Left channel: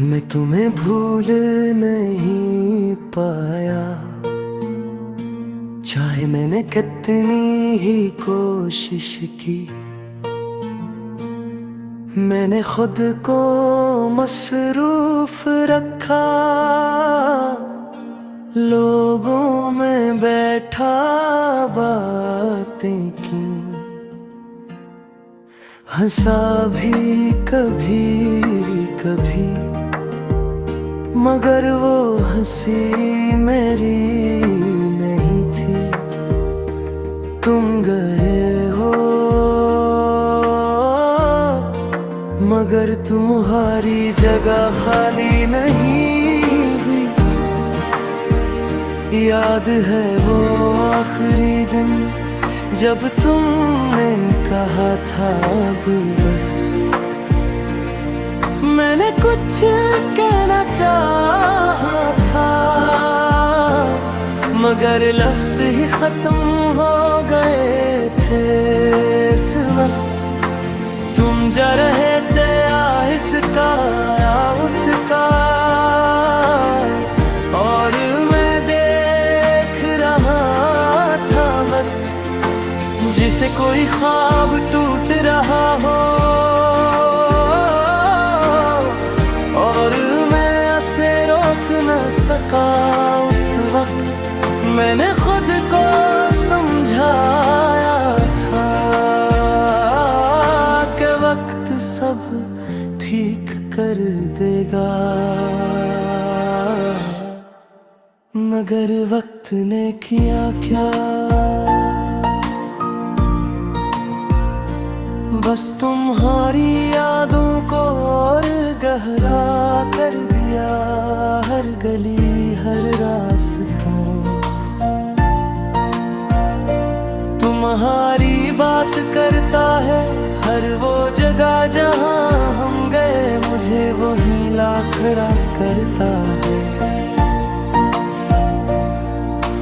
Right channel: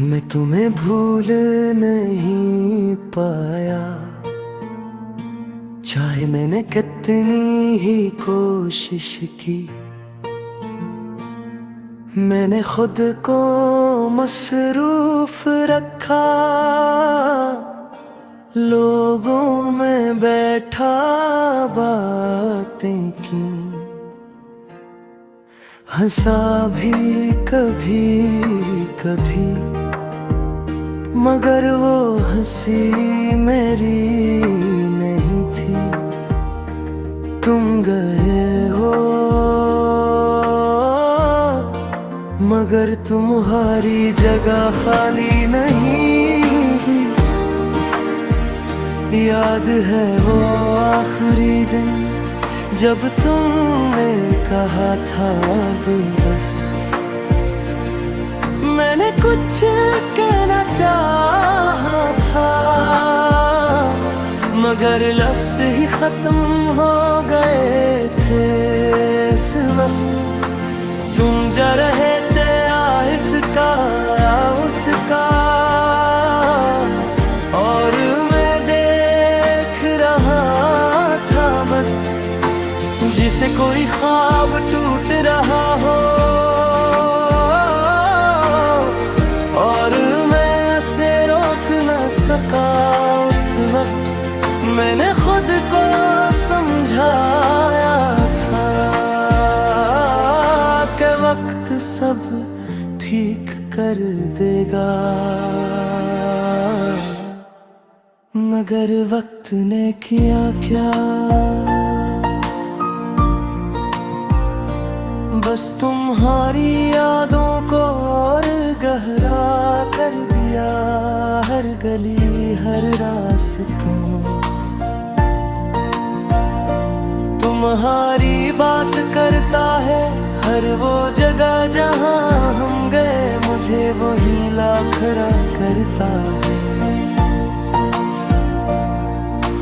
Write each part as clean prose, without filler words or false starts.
मैं तुम्हें भूल नहीं पाया, चाहे मैंने कितनी ही कोशिश की। मैंने खुद को मसरूफ रखा, लोगों में बैठा बातें की। हंसा भी कभी कभी, मगर वो हंसी मेरी नहीं थी। तुम गए हो मगर तुम्हारी जगह खाली नहीं हुई। याद है वो आखिरी दिन जब तुमने कहा था अब बस। मैंने कुछ कहना चाहा था, मगर लफ्ज़ ही खत्म हो गए थे इस वक्त। तुम जा रहे थे इसका या उसका, और मैं देख रहा था बस, जिसे कोई ख्वाब टूट रहा हो। और मैं उसे रोक न सका उस वक्त। मैंने खुद को समझाया था कि वक्त सब ठीक कर देगा, मगर वक्त ने किया क्या? बस तुम्हारी यादों को और गहरा कर दिया। हर गली हर रास्तों तुम्हारी बात करता है। हर वो जगह जहां हम गए, मुझे वहीं ला खड़ा करता है।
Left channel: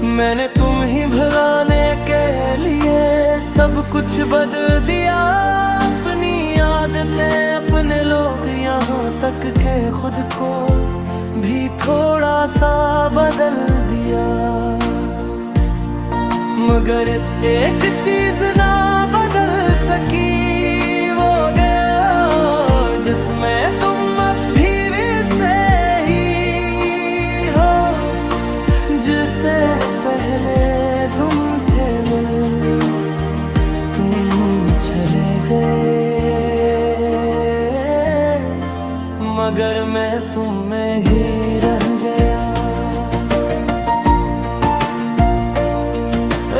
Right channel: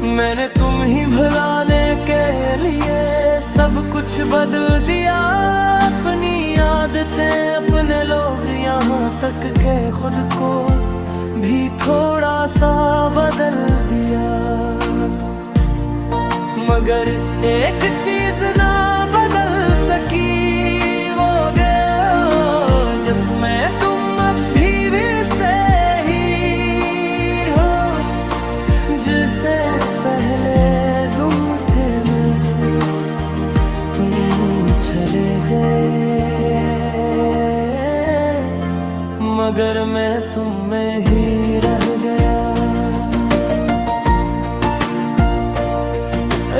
मैंने तुम ही भुलाने के लिए सब कुछ बदल दिया। अपनी आदतें अपने लोग, यहाँ तक के खुद को भी थोड़ा सा बदल दिया। मगर एक चीज ना बदल सकी, वो गया जिसमें तुम अब भी वैसे ही हो जिसे पहले तुम थे मिल। तुम चले गए मगर मैं तुम में ही रह गया।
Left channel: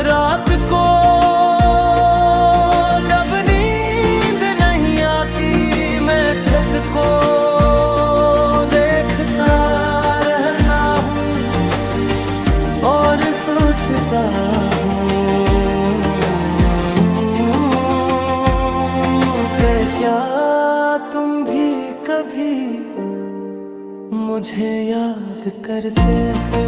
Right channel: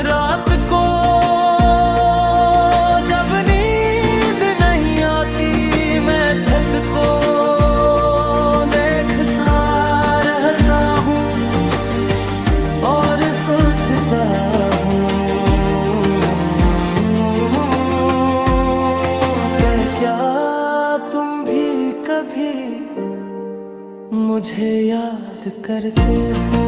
रात को जब नींद नहीं आती, मैं छत को देखता रहता हूँ और सोचता हूँ कि क्या तुम भी कभी मुझे याद करते हो।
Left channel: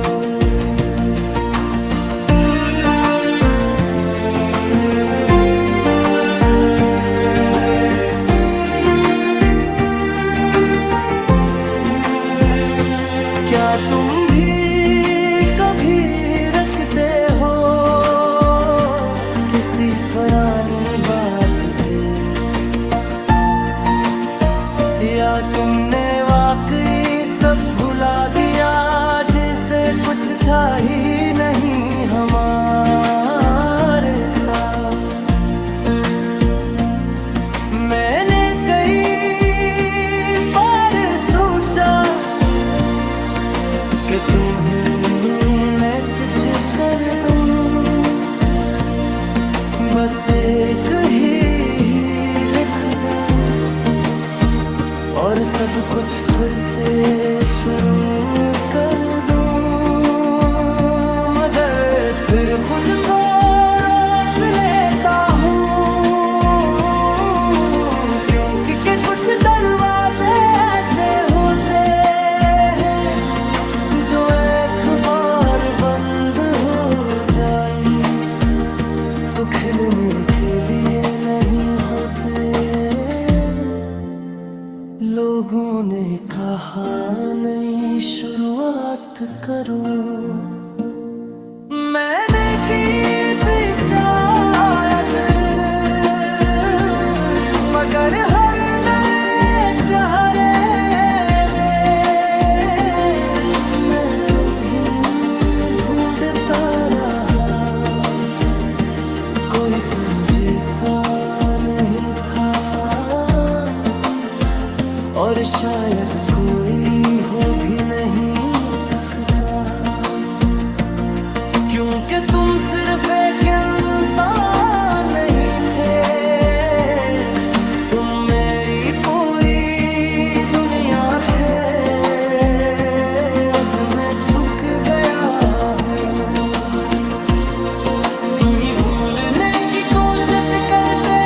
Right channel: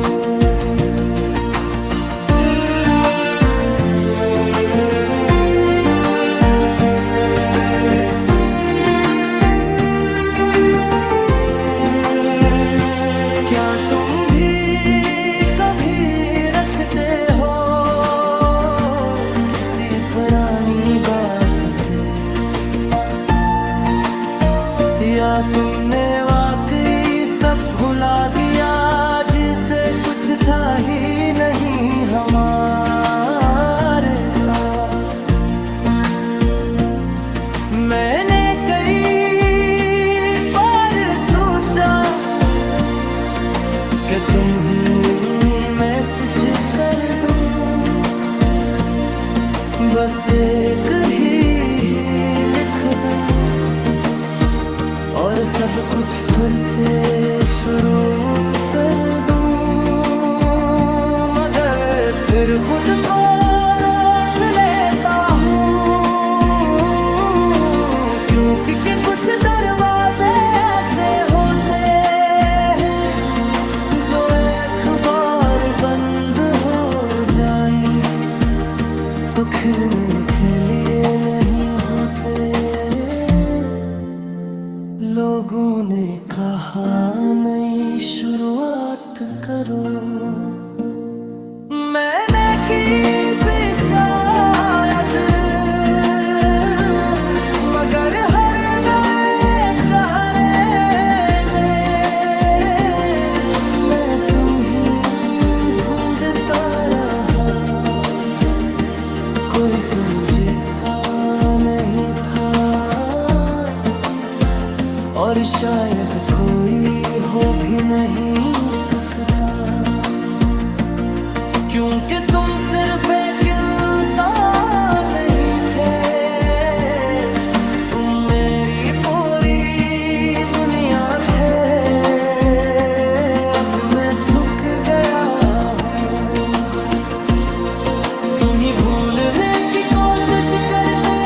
क्या तुम भी कभी रखते हो किसी पुरानी बात पे, या तुमने वाकई सब भुला दिया जिसे कुछ था ही नहीं हमारे साथ। मैंने कई बार सोचा कि तुम ही मैसेज कर दूं, बस एक ही लिख दूं और सब कुछ फिर से शुरू कर दूं। मगर फिर खुद को रोक लेता हूँ, क्योंकि कुछ दरवाजे ऐसे होते हैं जो एक बार बंद हो जाएं तो खिलने के लिए नहीं होते। लोगों ने कहा नई शुरुआत करो, मैंने की भी शायद, मगर हर नए चेहरे में मैं तुम ही ढूंढता रहा। कोई तुम जैसा नहीं था और शायद कोई हो भी नहीं सकता, क्योंकि तुम सिर्फ एक इंसान नहीं थे, तुम मेरी पूरी दुनिया थे। अब मैं थक गया हूँ, तुम ही भूलने की कोशिश करते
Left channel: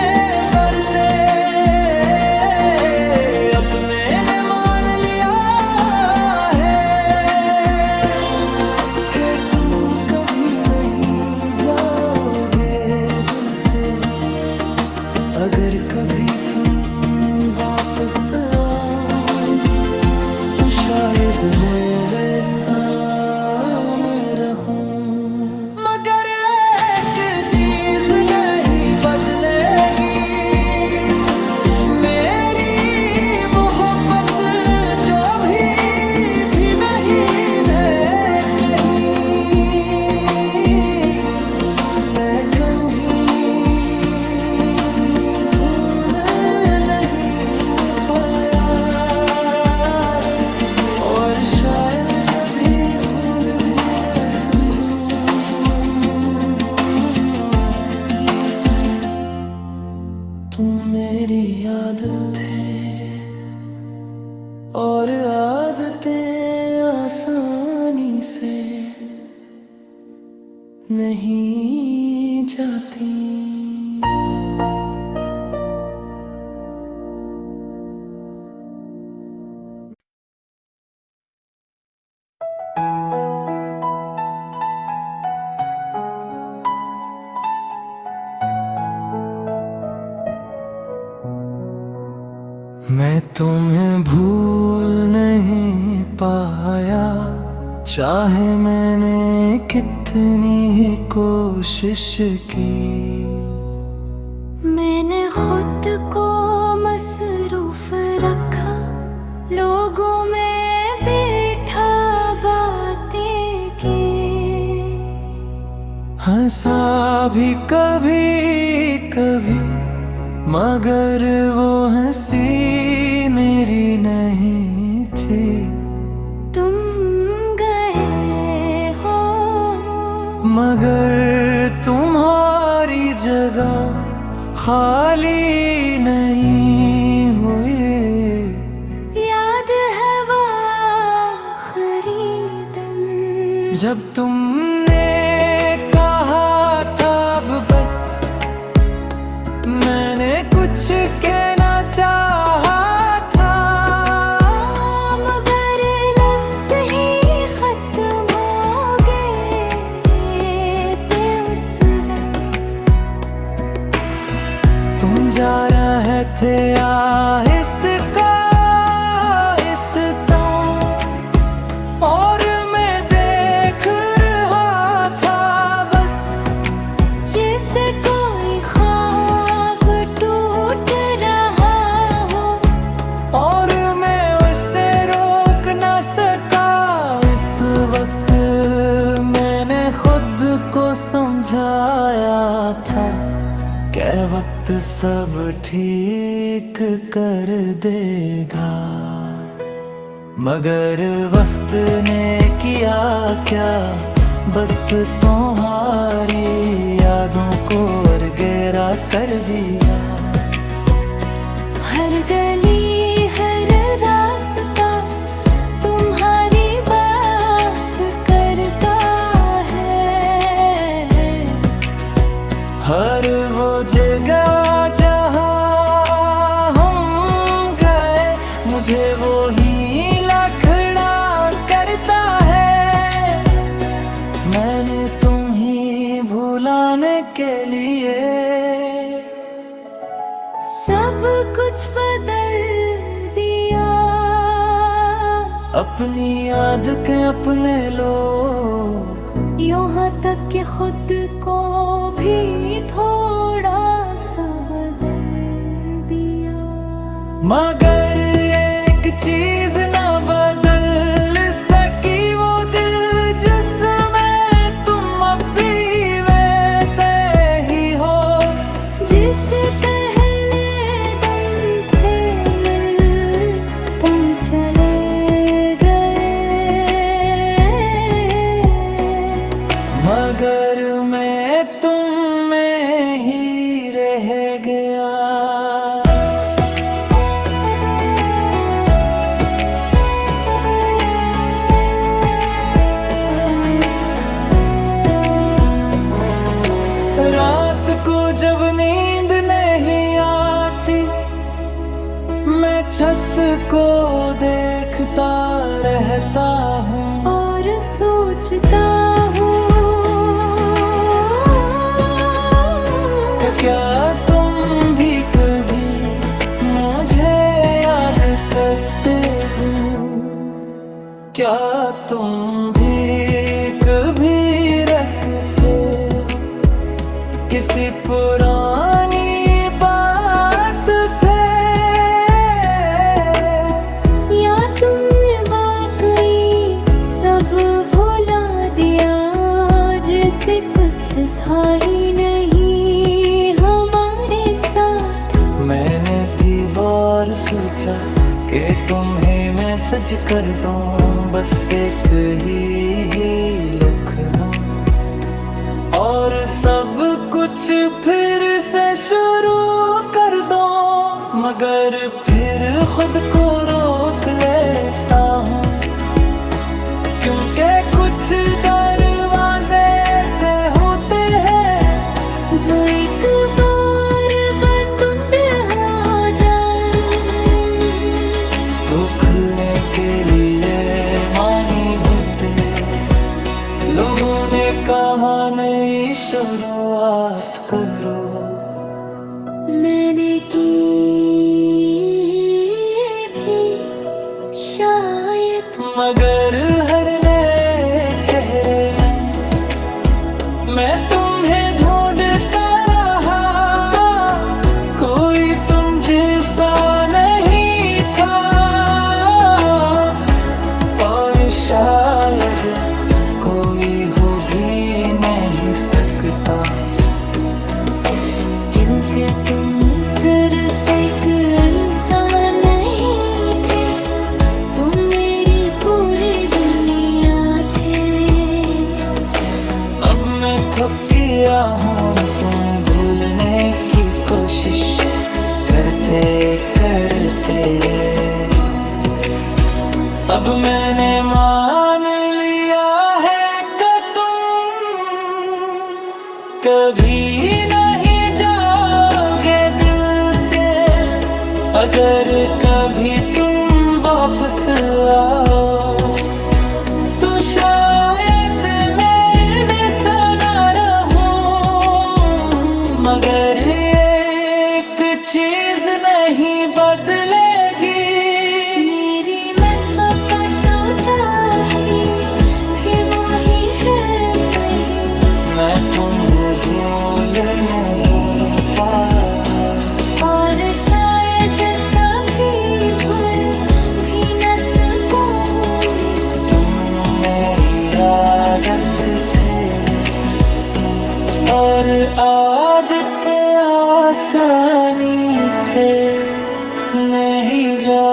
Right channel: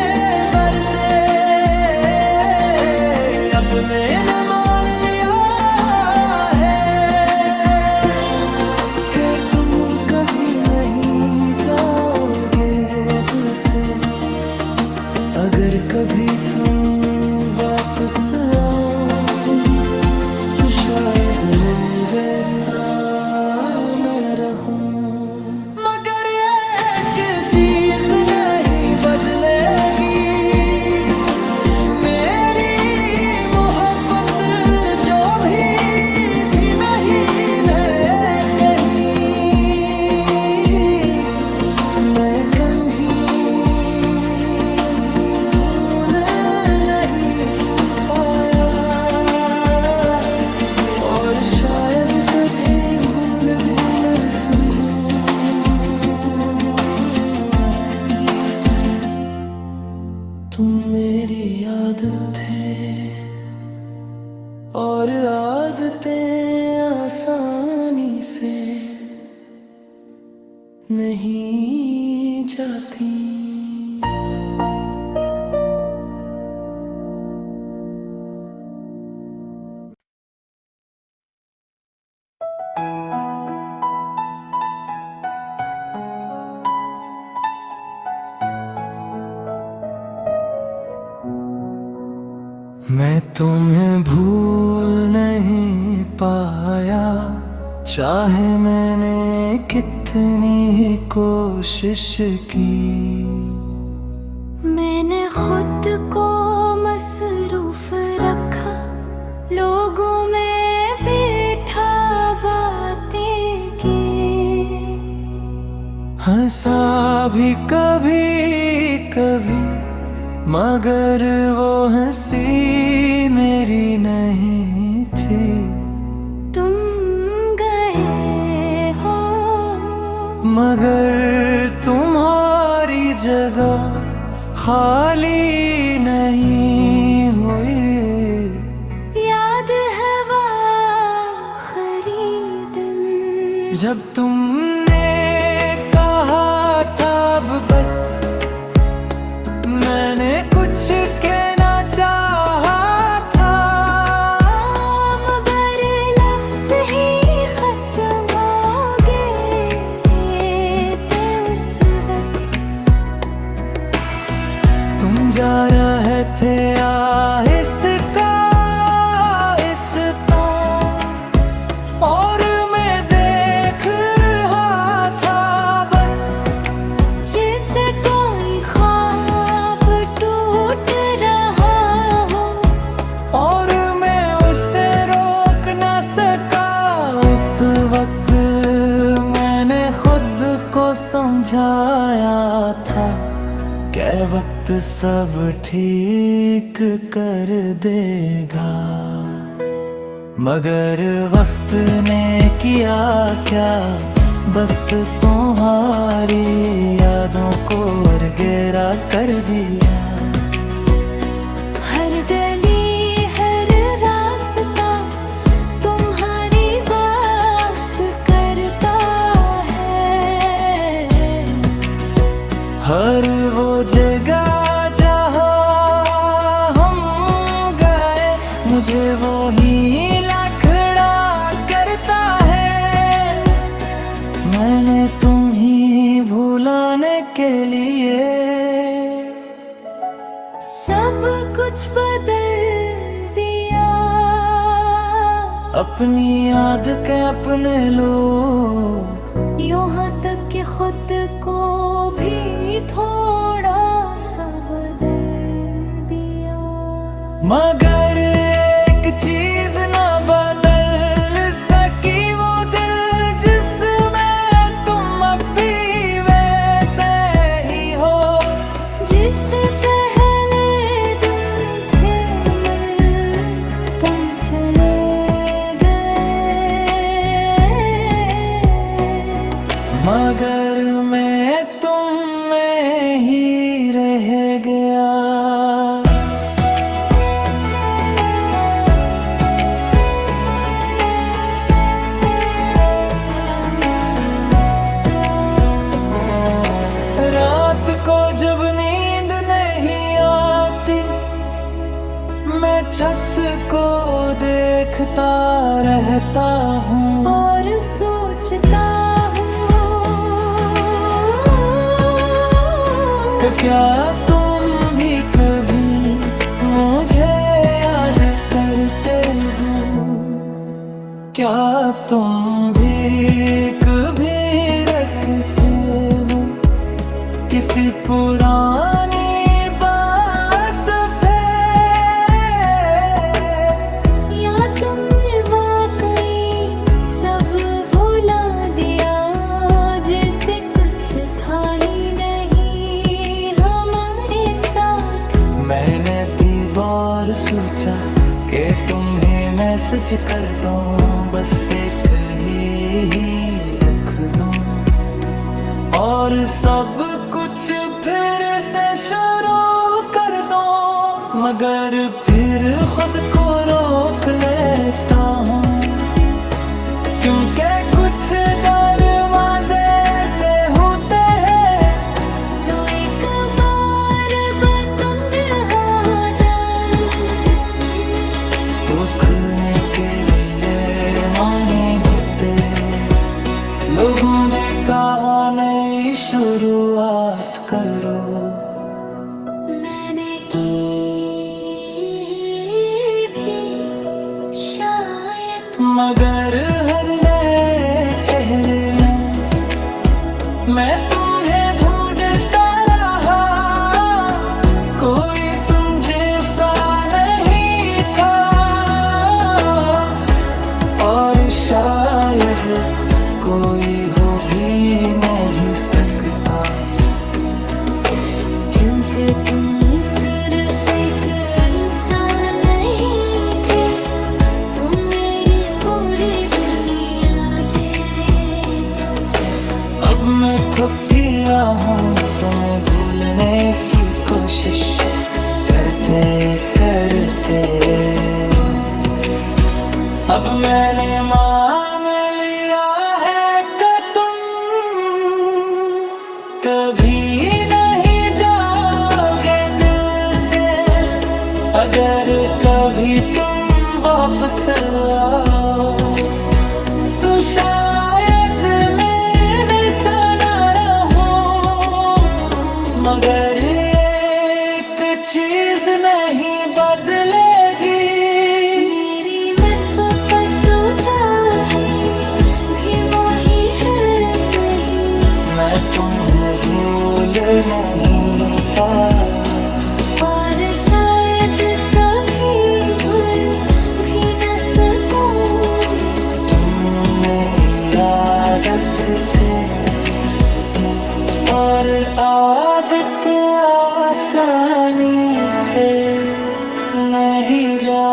करते अपने ने मान लिया है कि तुम कभी नहीं जाओगे दिल से। अगर कभी तुम वापस आओ तो शायद मैं वैसा न रहूं, मगर एक चीज नहीं बदलेगी, मेरी मोहब्बत जो भी नहीं मैं कहीं, मैं कहीं भूल नहीं पाया और शायद कभी भूल भी न सकूं। तुम मेरी आदत थे और आदतें आसानी से नहीं जाती। मैं तुम्हें भूल नहीं पाया, चाहे मैंने कितनी ही कोशिश की। मैंने खुद को मसरूफ रखा, लोगों में बैठा बातें की, हंसा भी कभी कभी, मगर वो हंसी मेरी नहीं थी। तुम गए हो मगर तुम्हारी जगह खाली नहीं हुई। याद है वो आखिरी दिन जब तुमने कहा था अब बस, मैंने कुछ कहना चाहा था, मगर लफ्ज़ ही खत्म हो गए थे उस वक्त। तुम जा रहे थे आहिस्ता आहिस्ता और मैं देख रहा था बस, जैसे कोई ख्वाब टूट रहा हो और मैं उसे रोक न सका। उस वक्त मैंने खुद को समझाया था कि वक्त सब ठीक कर देगा, मगर वक्त ने किया क्या, बस तुम्हारी यादों को गहरा कर दिया। हर गली हर रास्ता तुम्हारी बात करता है, हर वो जगह जहाँ हम गए मुझे वो ही लखड़ा करता है। मैंने तुम ही भुलाने के लिए सब कुछ बदल दिया। अपनी याद के अपने लोग, यहाँ तक कि खुद को भी थोड़ा सा बदल दिया। मगर एक चीज ना बदल सकी, वो दिल जिसमें तुम अब भी वैसे ही हो। जिससे पहले तुम थे मिल, तुम चले गए, मगर मैं तुम में ही रह गया। रात को जब नींद नहीं आती, मैं छत को देखता रहता हूँ और सोचता हूँ कि क्या तुम भी कभी मुझे याद करते हो, क्या तुम भी कभी रखते हो किसी पुरानी बात पे, या तुमने वाकई सब भुला दिया, जैसे कुछ था ही नहीं हमारे साथ। मैंने भी बार सोचा कि तुम्हें मैसेज कर दूं, बस एक ही लिख दूं और सब कुछ फिर से शुरू कर दो। मगर फिर खुद को रोक लेता हूँ, क्योंकि कुछ दरवाजे ऐसे होते हैं जो एक बार बंद हो जाए तो खुलने के लिए माही होते। लोगों ने कहा नई शुरुआत करो, मैंने की भी शायद, मगर हर नए चेहरे में मैं तुम्हें ढूंढता रहा, कोई तुम जैसा नहीं था और शायद कोई हो भी नहीं सकता, क्योंकि तुम सिर्फ एक इंसान नहीं थे, तुम मेरी पूरी दुनिया थे। अब मैं थक गया हूँ तुम्हें भूलने की कोशिश करते करते। अब मैंने मान लिया है कि तुम कभी नहीं जाओगे दिल से, अगर कभी तुम वापस आओ तो शायद मैं वैसा ना रहूं, मगर एक चीज नहीं बदलेगी, मेरी मत तो जागी भी वही है नहीं, मैं तुम्हें भूल नहीं पाया और शायद कभी भूल भी न सकूं। तुम मेरी आदत थे और आदतें आसानी से नहीं जा